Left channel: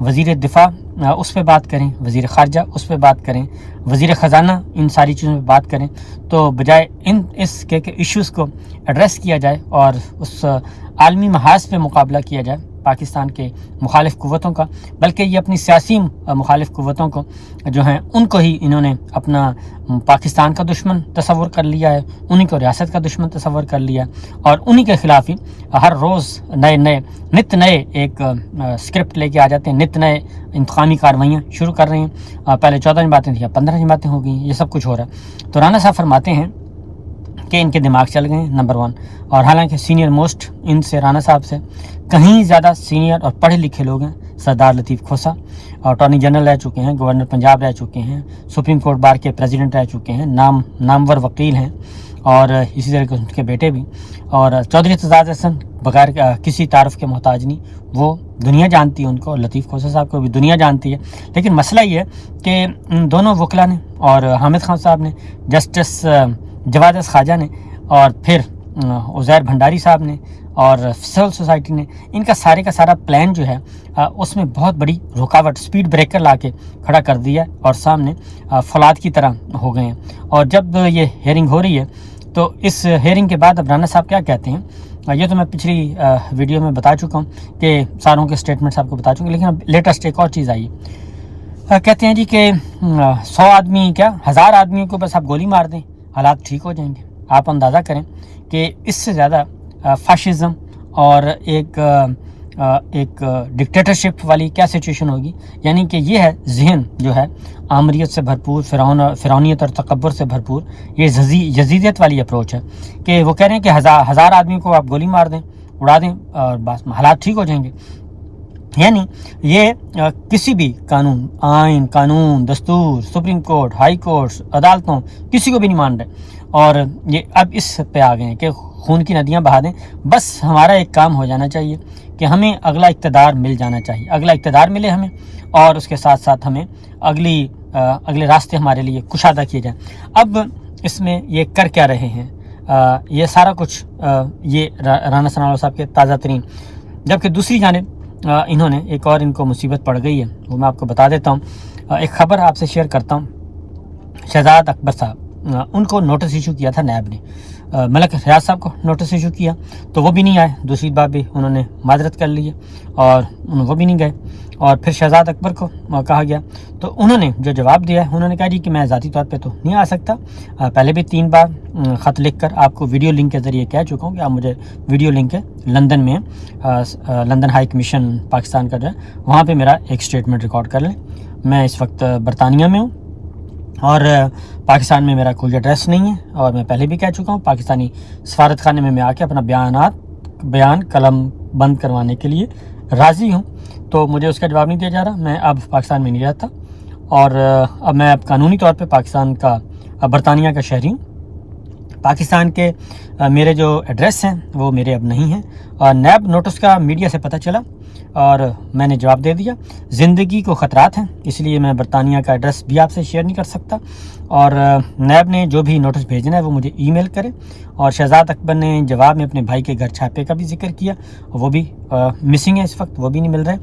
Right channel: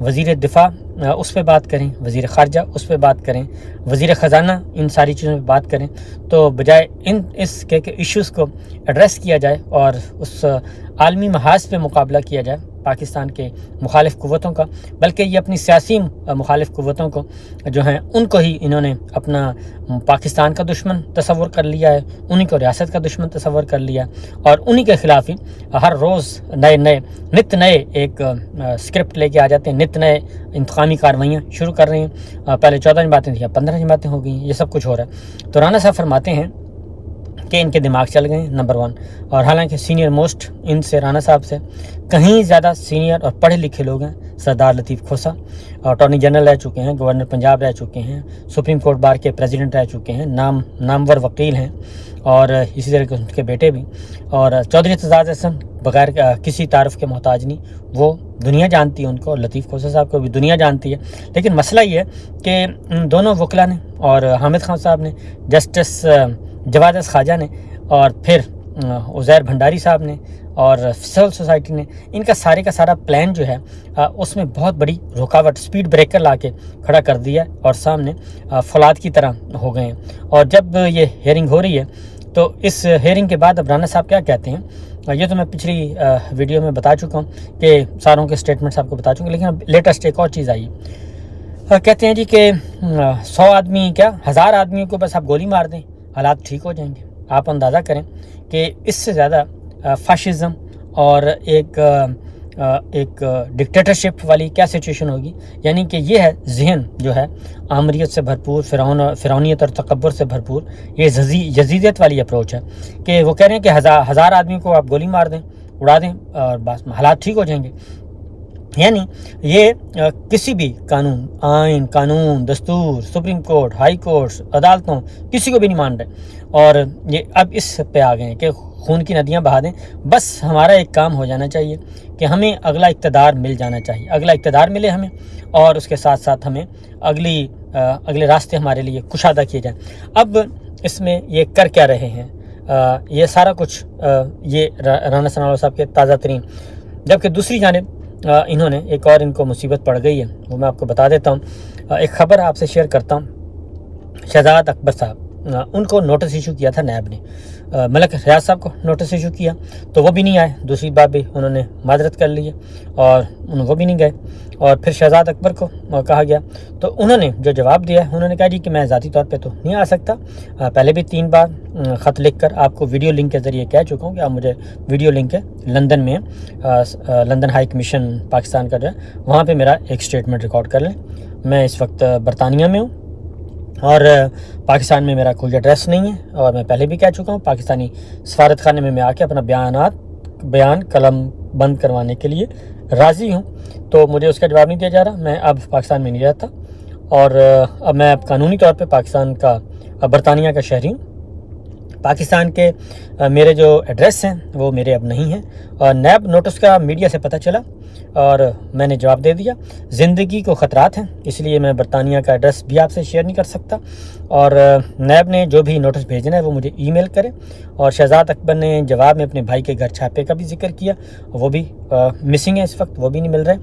وزیر دفاع اس پہ بات کریں، وزیر خارجہ اس پہ بات کریں، وزیر خزانہ ان ساری چیزوں پہ بات کریں، تو بجائے اس کے ایشوز کو ایڈریس کیا جائے اور اس عالمی محاذ پہ مقابلہ کیا جائے پاکستان کے مخالف قوتوں کا، بلکہ یہ اپنی سیاسی مخالف قوتوں کو جو ہیں ان کو ہی انہوں نے اپنا پاکستان کا دشمن تصور کر لیا ہے، انہی کو ریاست کا دشمن تصور کر لیا ہے، اور انہی کے خلاف ہی ہر روز نت نئے ایک اسکرپٹ لے کے آ جاتے ہیں، نت نئے انتقامی کارروائیاں شروع کر رہے ہیں۔ پہلے 14 جماعتیں تھیں، 15 جماعتیں ہو گئی ہیں، یہ سب کچھ ہو رہا ہے۔ تو رانا صاحب فرماتے ہیں کہ ان کے دماغ چل گئے ہیں، نمبر 1، اور حالانکہ سینئر موسٹ ان سے رانا صاحب سے کہیں زیادہ سینئر اور پڑھے لکھے لوگ ہیں۔ سردار لطیف کھوسہ اٹارنی جنرل رہ چکے ہیں، گورنر پنجاب رہ چکے ہیں، سپریم کورٹ بار کے پریزیڈنٹ رہ چکے ہیں، نامور وکیل ہیں، اور اسی طرح ان کے بیٹے بھی، اور چودھری اعتزاز احسن بغیر کسی تعارف کے محتاج نہیں، وہ دنیا جانتی ہے ان کو، لطیف کھوسہ صاحب کو بھی دنیا جانتی ہے۔ لیکن مسئلہ یہ ہے کہ ان دونوں وکلا نے اور حامد خان صاحب نے، جسٹس جواد خواجہ نے، اور پھر عزیر بھنڈاری صاحب نے اور سول سوسائٹی نے، ان کا سارا پلان جو ہے اس میں بہت بڑی رکاوٹ، سپیڈ بریکر لا کے کھڑا کر دیا ہے، اور سامنے فولاد کی طرح ہو گئے ہیں۔ اور جب یہ ہیئرنگ ہو رہی ہے تو اس ہیئرنگ کے بعد اب رانا صاحب کیا کہتے ہیں، یہ تو میں پچھلی ویڈیو میں بتا چکا ہوں کہ ساروں کے سٹیٹمنٹس آپ کو بتا چکا ہوں، لیکن اب لیٹسٹ ایک اور چیز آئی ہے۔ کہتے ہیں جی کہ 100 آدمی کیا 1000 آدمیوں کو بس آپ گولی مار دیں، حالات ٹھیک ہو جائیں گے۔ آپ اندازہ کریں کہ اس سے زیادہ فاشزم اور ایک ڈکٹیٹرشپ والی کیا سچویشن ہوگی۔ یعنی کہ یہ ہے ذہن جو ہے آمریت سے بھرپور، فرعونیت اور تکبر سے بھرپور، یہ یزیدیت والی اپروچ ہے کہ وہ کہہ رہے ہیں کہ 1000 آدمی کو آپ گولی مار دیں، اڑا دیں، اور بس حالات ٹھیک ہو جائیں گے۔ یعنی یہ کسی بھی قانون، دستور، سپریم کورٹ، ہائی کورٹس، عدالتوں، کسی کو بھی نہیں مان رہے، اور یہ اب اس پہ آ گئے ہیں کہ خون کی ندیاں بہا دیں، بس ہمارا ایک کام ہو جانا چاہیے کہ ہمیں اگلا اقتدار مل جانا چاہیے، اگلا اقتدار ملے ہمیں، اور اس کے ساتھ ساتھ ہمیں اگلے راستے ہمارے لیے کشادہ کیے جائیں۔ اب اس میں یہ کر کیا رہے ہیں، یہ سارا کچھ یہ رانا ثناء اللہ صاحب کے تازہ ترین، جبکہ دوسری جانب انہوں نے ایک اور ان کو مصیبت پڑ گئی ہے، وہ میں آپ کو بتا دیتا ہوں۔ ایک خبر آپ سے شیئر کرتا ہوں۔ شہزاد اکبر صاحب، ان کو نوٹس ایشو کیا تھا نیب نے، ملک ریاض صاحب کو نوٹس ایشو کیا تو وہ بھی نہیں آئے، دوسری بات بھی انہوں نے معذرت کر لی ہے اور وہ بھی نہیں گئے، اور پھر شہزاد اکبر کو کہا گیا تو انہوں نے جو جواب دیا ہے، انہوں نے کہا جی کہ میں ذاتی طور پہ تو نہیں آ سکتا، پہلے بھی 3 بار خط لکھ کر آپ کو ویڈیو لنک کے ذریعے کہہ چکا ہوں کہ آپ مجھے ویڈیو لنک ہے لندن میں، لندن ہائی کمیشن پاکستان کا جو ہے وہاں پہ میرا ایک سٹیٹمنٹ ریکارڈ کر لیں۔ میں اس وقت برطانیہ میں ہوں اور پاکستان میں میرا کوئی ایڈریس نہیں ہے، اور میں پہلے بھی کہہ چکا ہوں پاکستانی سفارت خانے میں آ کے اپنا بیان قلم بند کروانے کے لیے راضی ہوں، تو مجھے اس کا جواب نہیں دیا جا رہا۔ میں اب پاکستان میں نہیں رہتا، اور اب میں قانونی طور پہ پاکستان کا برطانیہ کا شہری ہوں۔ پاکستان کے میرے جو ایڈریس ہیں وہ میرے اب نہیں ہیں، اور نیب نوٹس کا میڈیا سے پتہ چلا اور میں نے جواب دے دیا، زندگی کو خطرات ہیں، اس لیے میں برطانیہ کا ایڈریس بھی آپ سے شیئر نہیں کر سکتا، اور نیب نے جو بھی نوٹس بھیجنا ہے وہ مجھے ای میل کرے۔ اور شہزاد اکبر نے جواب میں اپنے بھائی کے گھر چھاپے کا بھی ذکر کیا، وہ بھی مسنگ ہے اس وقت، وہ بھی نہیں مل رہے۔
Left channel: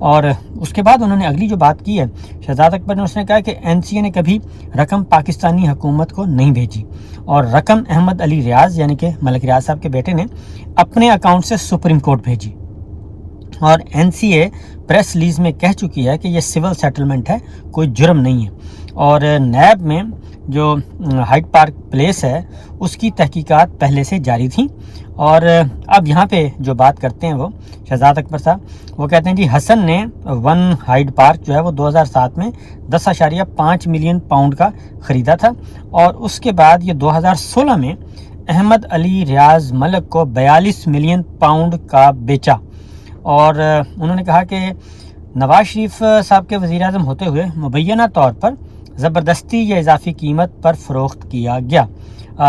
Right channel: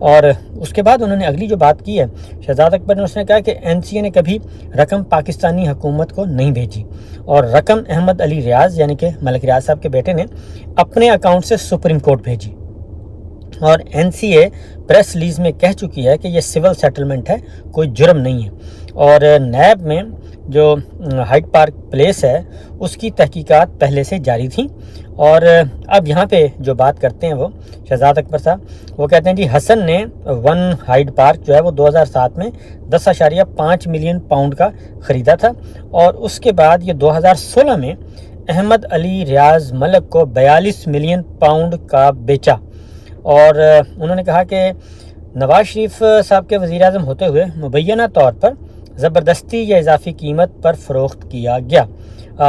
اور اس کے بعد انہوں نے اگلی جو بات کی ہے شہزاد اکبر نے، اس نے کہا کہ NCA نے کبھی رقم پاکستانی حکومت کو نہیں بھیجی، اور رقم احمد علی ریاض یعنی کہ ملک ریاض صاحب کے بیٹے نے اپنے اکاؤنٹ سے سپریم کورٹ بھیجی، اور NCA پریس ریلیز میں کہہ چکی ہے کہ یہ سول سیٹلمنٹ ہے، کوئی جرم نہیں ہے۔ اور نیب میں جو ہائیڈ پارک پلیس ہے اس کی تحقیقات پہلے سے جاری تھیں، اور اب یہاں پہ جو بات کرتے ہیں وہ شہزاد اکبر صاحب، وہ کہتے ہیں جی حسن نے 1 ہائیڈ پارک جو ہے وہ 2007 میں 10.5 ملین پاؤنڈ کا خریدا تھا، اور اس کے بعد یہ 2016 میں احمد علی ریاض ملک کو 42 ملین پاؤنڈ کا بیچا۔ اور انہوں نے کہا کہ نواز شریف صاحب کے وزیر اعظم ہوتے ہوئے مبینہ طور پر زبردستی یا اضافی قیمت پر فروخت کیا گیا۔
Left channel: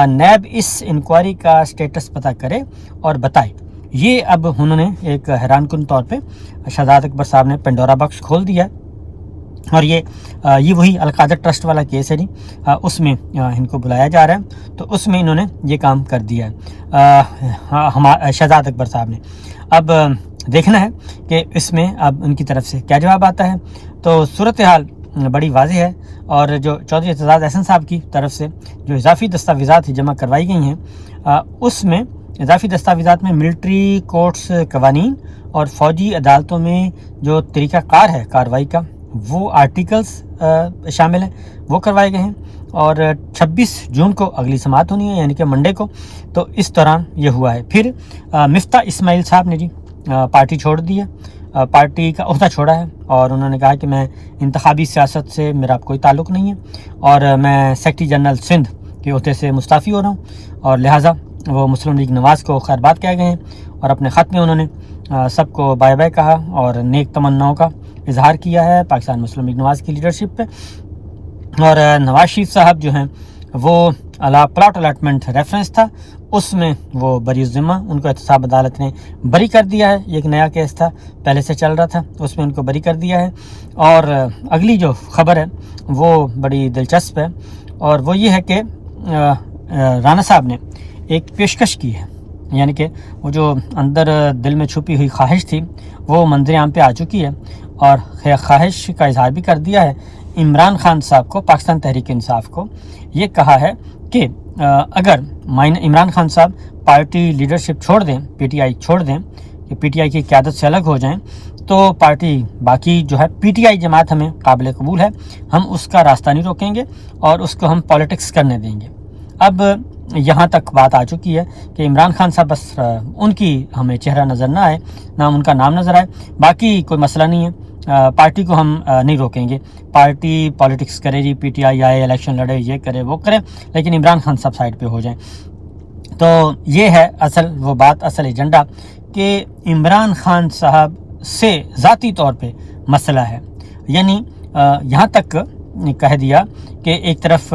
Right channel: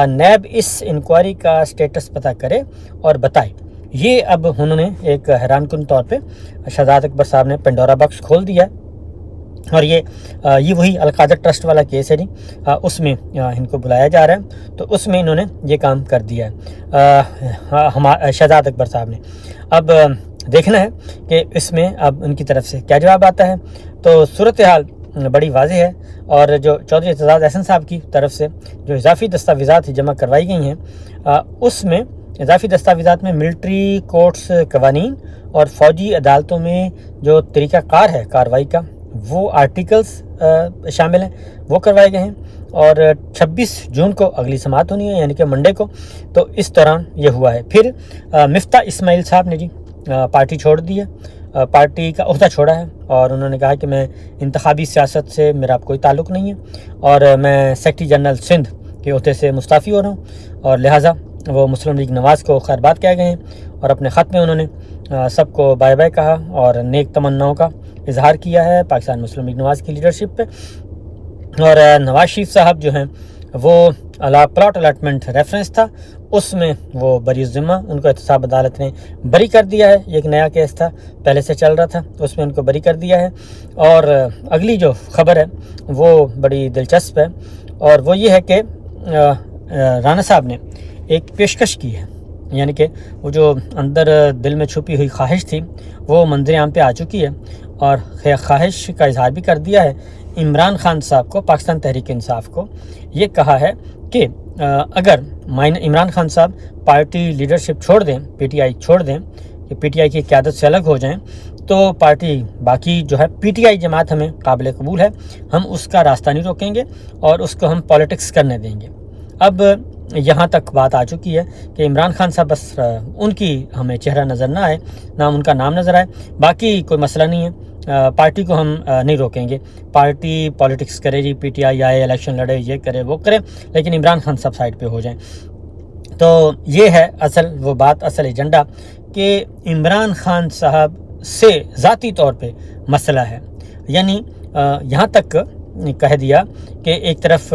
نیب اس انکوائری کا سٹیٹس پتہ کرے اور بتائے۔ یہ اب انہوں نے ایک حیران کن طور پہ شہزاد اکبر صاحب نے پنڈورا باکس کھول دیا ہے، اور یہ وہی القادر ٹرسٹ والا کیس ہے جی، اس میں ان کو بلایا جا رہا ہے، تو اس میں انہوں نے یہ کام کر دیا ہے شہزاد اکبر صاحب نے۔ اب دیکھنا ہے کہ اس میں اب ان کی طرف سے کیا جواب آتا ہے۔ تو صورتحال بڑی واضح ہے، اور جو چودھری اعتزاز احسن صاحب کی طرف سے جو اضافی دستاویزات جمع کروائی گئی ہیں، اس میں اضافی دستاویزات میں ملٹری کورٹس قوانین اور فوجی عدالتوں میں جو طریقہ کار ہے کارروائی کا، وہ آرٹیکلز شامل ہیں، وہ کروائے گئے ہیں۔ اور 26 جون کو اگلی سماعت ہونی ہے، یعنی کہ منڈے کو۔ تو اس دوران یہ ہوا ہے۔ پھر مفتاح اسماعیل صاحب نے پارٹی چھوڑ دی ہے، پارٹی کا عہدہ چھوڑا ہے، اور انہوں نے کہا کہ میں انتخابی سیاست سے میرا کوئی تعلق نہیں ہے، اور میں سیکرٹری جنرل سندھ کے عہدے سے مستعفی ہو رہا ہوں، اور لہٰذا وہ مسلم لیگ نواز کو خیر بات کہہ گئے ہیں، اور اپنے خط میں انہوں نے سب کو بائے بائے کہا اور نیک تمناؤں کا اظہار کیا ہے پاکستان مسلم لیگ نواز کی لیڈرشپ پہ۔ اور نواز شریف صاحب جو ہیں وہ پلاٹ الاٹمنٹ ریفرنس تھا، اس میں وہ بری ذمہ، ان کو احتساب عدالت نے بری کر دیا ہے۔ یہ ایک نیا کیس تھا، پہلے سے چل رہا تھا، اس میں ان کو بری کر دیا ہے۔ اور اگلی جو خبر ہے وہ بڑی دلچسپ ہے، اور وہ یہ ہے کہ رانا صاحب نے ایک پیشکش کی ہے، یعنی کہ وہ جو اندر دل میں چھپی ہوئی خواہش تھی وہ منظر عام پہ آ چکی ہے، اور خواہش کا اظہار بھی کر دیا ہے عمران خان صاحب کو، پاکستان تحریک انصاف کو۔ یہ کہا ہے کہ اگر عمران خان صاحب پارٹی لیڈرشپ چھوڑ دیں، پی ٹی آئی چھوڑ دیں، کہ پی ٹی آئی کی قیادت سے الگ ہو جائیں، تو پارٹی باقی جو ہے پی ٹی آئی جماعت ہمیں قابل قبول ہے، ہم اس کا راستہ نہیں روکیں گے اور اس کو ہم پالیٹکس کرنے دیں گے۔ اب یہاں تک بات آ چکی ہے کہ عمران خان صاحب بس ان کی ہمیں چہرہ نظر نہ آئے، نہ ان کا نام نظر آئے، باقی کوئی مسئلہ نہیں ہے، پارٹی کو ہم نہیں روکیں گے، پارٹی پالیٹکس کرے جی، پی ٹی آئی آئے، الیکشن لڑے، یہ کرے وہ کرے، لیکن عمران خان صاحب سائڈ پہ ہو جائیں۔ تو یہ ہے وہ بات، اصل ایجنڈا، کہ عمران خان صاحب سے ذاتی طور پہ مسئلہ ہے، یعنی یہاں تک کہہ دیا کہ ایک طرف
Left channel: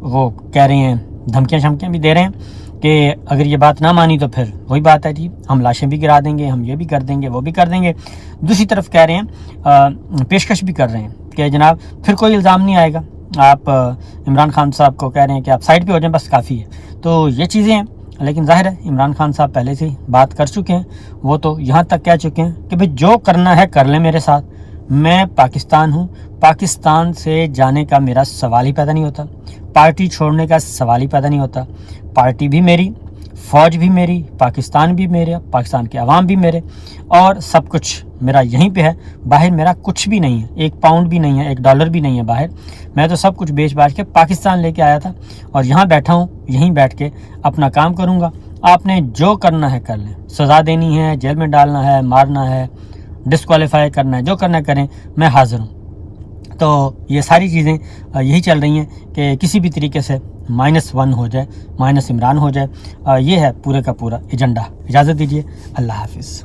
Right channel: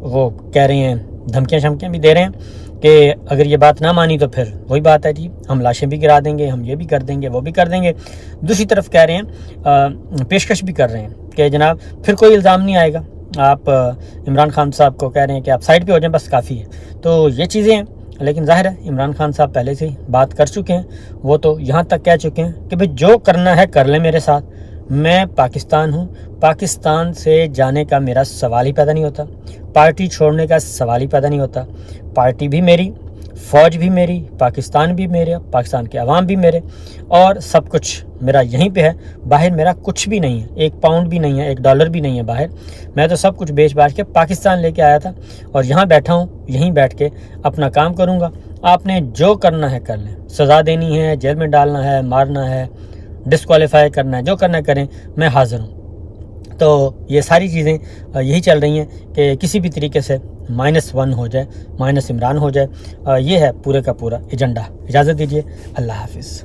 وہ کہہ رہے ہیں، دھمکیاں شمکیاں بھی دے رہے ہیں کہ اگر یہ بات نہ مانی تو پھر وہی بات ہے جی، ہم لاشیں بھی گرا دیں گے، ہم یہ بھی کر دیں گے، وہ بھی کر دیں گے۔ دوسری طرف کہہ رہے ہیں، پیشکش بھی کر رہے ہیں کہ جناب پھر کوئی الزام نہیں آئے گا، آپ عمران خان صاحب کو کہہ رہے ہیں کہ آپ سائڈ پہ ہو جائیں، بس کافی ہے۔ تو یہ چیزیں ہیں، لیکن ظاہر ہے عمران خان صاحب پہلے سے ہی بات کر چکے ہیں، وہ تو یہاں تک کہہ چکے ہیں کہ بھئی جو کرنا ہے کر لیں میرے ساتھ، میں پاکستان ہوں، پاکستان سے جانے کا میرا سوال ہی پیدا نہیں ہوتا، پارٹی چھوڑنے کا سوال ہی پیدا نہیں ہوتا، پارٹی بھی میری، فوج بھی میری، پاکستان بھی میرا، پاکستان کے عوام بھی میرے، اور سب کچھ میرا یہیں پہ ہے، باہر میرا کچھ بھی نہیں ہے، ایک پاؤنڈ بھی نہیں ہے، ایک ڈالر بھی نہیں ہے باہر، میں تو سب کچھ بیچ باچ کے پاکستان لے کے آیا تھا، اور یہاں بیٹھا ہوں، یہیں بیٹھ کے اپنا کام کروں گا، آپ نے جو کرنا ہے کر لیں، سزا دینی ہے، جیل میں ڈالنا ہے، مارنا ہے، ڈسکوالیفائی کرنا ہے، جو کرنا ہے کریں، میں حاضر ہوں۔ تو یہ ساری چیزیں یہی چل رہی ہیں کہ کسی بھی طریقے سے -1 ہو جائے، مائنس عمران ہو جائے، یہ ہے پورے کا پورا ایجنڈا۔ اجازت دیجیے، اللہ حافظ۔